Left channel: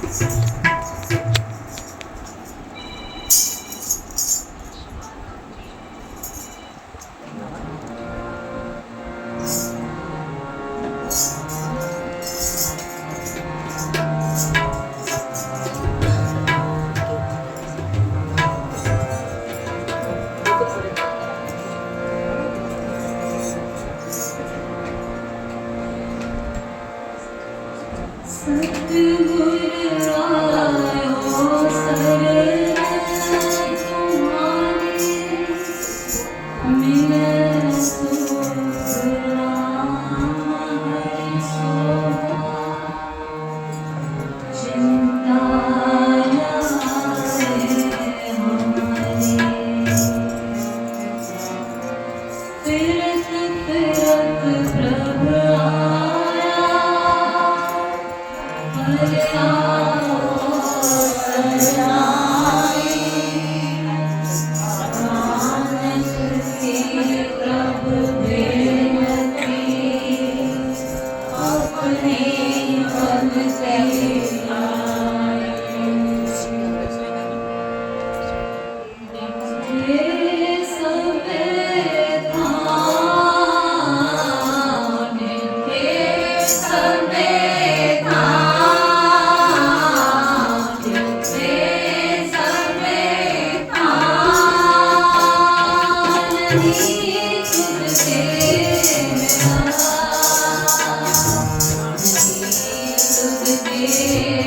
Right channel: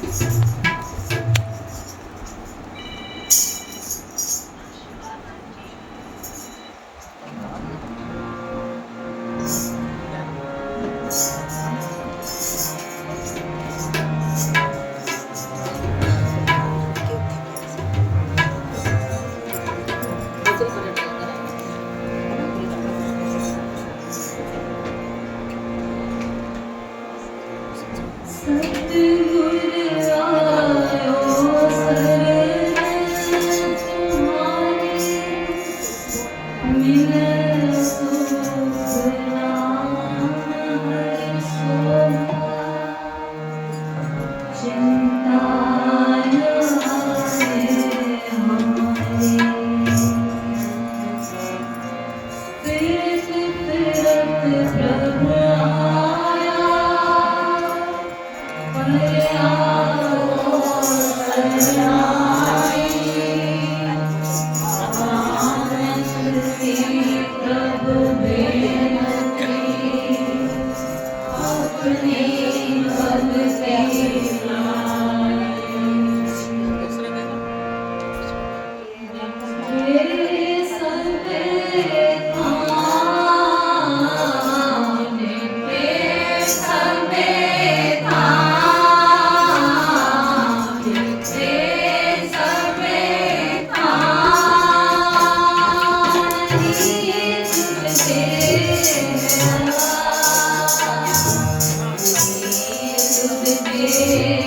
Thank you. Yeah.